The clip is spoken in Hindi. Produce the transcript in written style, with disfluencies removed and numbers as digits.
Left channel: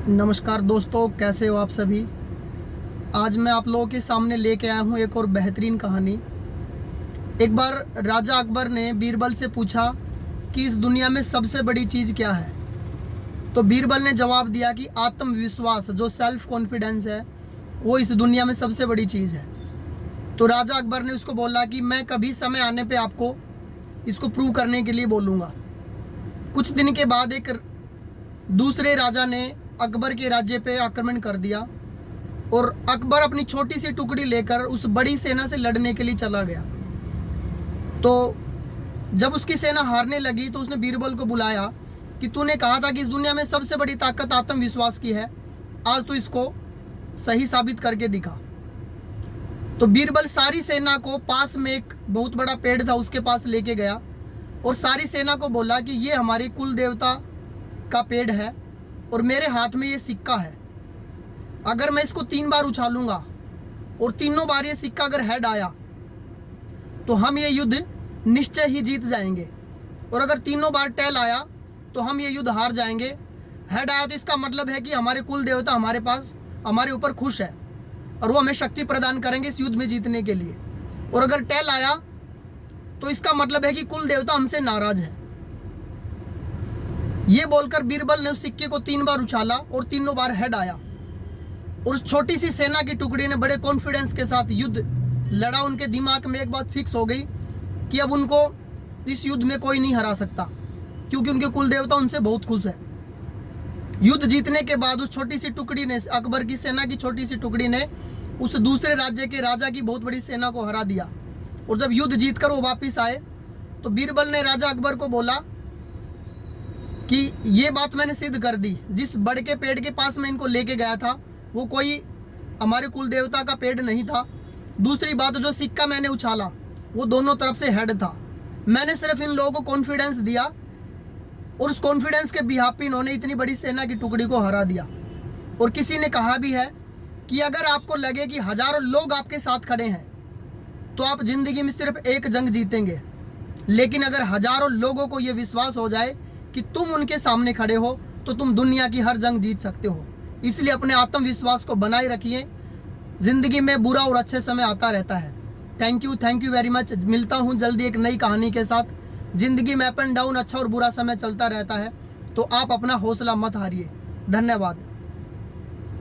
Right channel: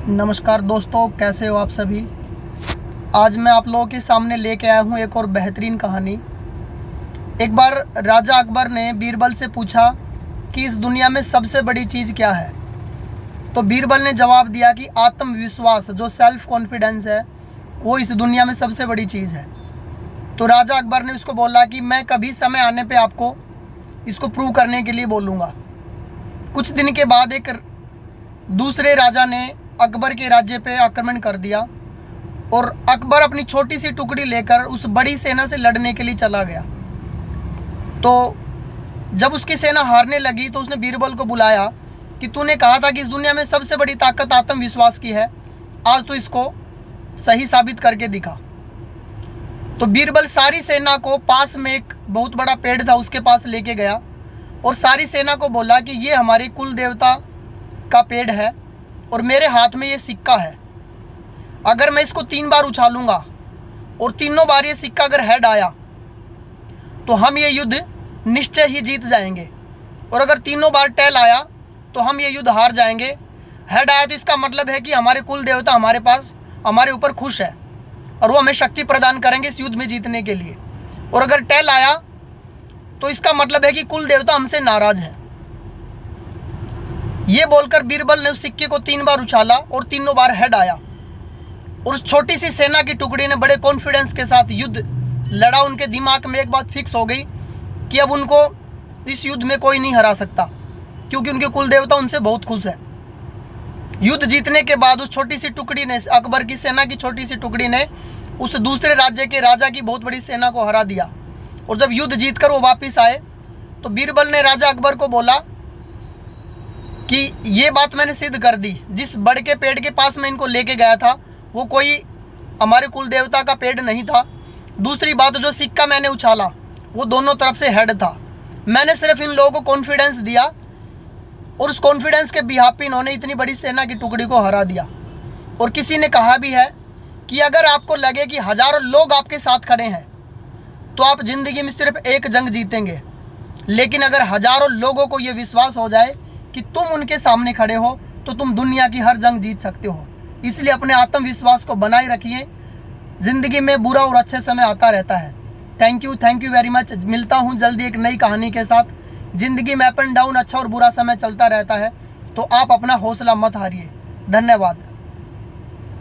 नमस्कार दोस्तों, कैसे हो आप सभी। आज मैं आप लोगों के सामने लेके आया हूँ एक और बेहतरीन कहानी। एक बार राजा अकबर ने बीरबल से पूछा कि इस दुनिया में सबसे बड़ी चीज़ क्या है। तो बीरबल ने जवाब दिया कि आत्मविश्वास, जो सेल्फ कॉन्फिडेंस है, वो इस दुनिया में सबसे बड़ी चीज़ है। तो राजा अकबर ने उसको बोला कि मैं कभी समय आने पे आपको इसको प्रूव करने के लिए बोलूँगा। कुछ दिन के बाद एक दूसरे राजा ने अकबर के राज्य पे आक्रमण कर दिया और अकबर अपनी छोटी सी टुकड़ी लेकर उस बड़ी सेना से लड़ने के लिए चला गया। तो जब उसकी सेना हारने लगी तो उसने बीरबल को बुलाया कि तूने कहा था कि इस दुनिया में सबसे बड़ी ताकत आत्मविश्वास की है, आज तो इसको सही साबित करके दिखा। तो बीरबल सारी सेना को पास में एक बहुत बड़ा पेड़ था, उसके पास लेके गया और सारी सेना को बोला कि ये हमारे कुल देवता का पेड़ है और मेरे हाथ में ये सिक्का है। अगर मैं इसको 3 बार उछालूंगा और तीनों बार ये सिक्का अगर हेड आया तो हम ये युद्ध निश्चय ही जीत जाएंगे, और अगर तीनों बार टेल आया तो हम ये युद्ध हार जाएंगे। हेड आया तो इसका मतलब है कि हमारे कुल देवता हमारे पास, हमारे ऊपर खुश है और वो हमें शक्ति प्रदान करेंगे इस युद्ध में जीतने के लिए। और अगर टेल आया तो इसका मतलब है कि कुल देवता हमसे नाराज है। ये बोलकर बीरबल ने उस सिक्के को 3 बार उछाला और तीनों बार हेड आया और उस छोटी सी सेना की टुकड़ी ने बड़े कॉन्फिडेंस के साथ युद्ध लड़ा। उनके दिमाग में एक बात फिक्स हो गई कि अब उनको इस युद्ध में कोई नहीं हरा सकता, क्योंकि उनके कुल देवता उनसे बहुत खुश है। युद्ध जीतने के बाद उस छोटी सी टुकड़ी ने, अकबर की सेना की छोटी सी टुकड़ी ने उस दूसरे राज्य के राजा की बहुत बड़ी सेना को हरा दिया। और जब युद्ध जीतकर वो वापिस आए तो बीरबल ने राजा अकबर को बोला कि ये बात मैंने सिद्ध कर दी, जिस बड़ के पेड़ के पास मैं इनको लेके गया था वो कोई हमारे कुल देवता का पेड़ नहीं था। दूसरी बात, जो सिक्का मैंने उछाला वो दोनों तरफ से हेड था। मैंने सिर्फ इन लोगों को कॉन्फिडेंस दिया और उस कॉन्फिडेंस के बिहाफ पे इन्होंने इतनी बड़ी सेना की टुकड़ी को हरा दिया। और किसी ने कहा भी है कि अगर आपको लगे कि हजारों लोग आपके साथ खड़े हैं तो आप जिंदगी में सिर्फ एक जंग जीतेंगे, लेकिन अगर हजारों लोगों को ये विश्वास हो जाए कि तुम उनके सामने खड़े हो तो तुम दुनिया की हर जंग जीत सकते हो। इसलिए अपने आत्मविश्वास को बनाए रखिए। ज़िंदगी में बुरा और अच्छे समय आता रहता है। Thank you very much. मिलता हूँ जल्दी एक नई कहानी के साथ। ज़िंदगी में अप एंड डाउन, अच्छा और बुरा समय चलता रहता है, तो आप अपना हौसला मत हारिए। धन्यवाद।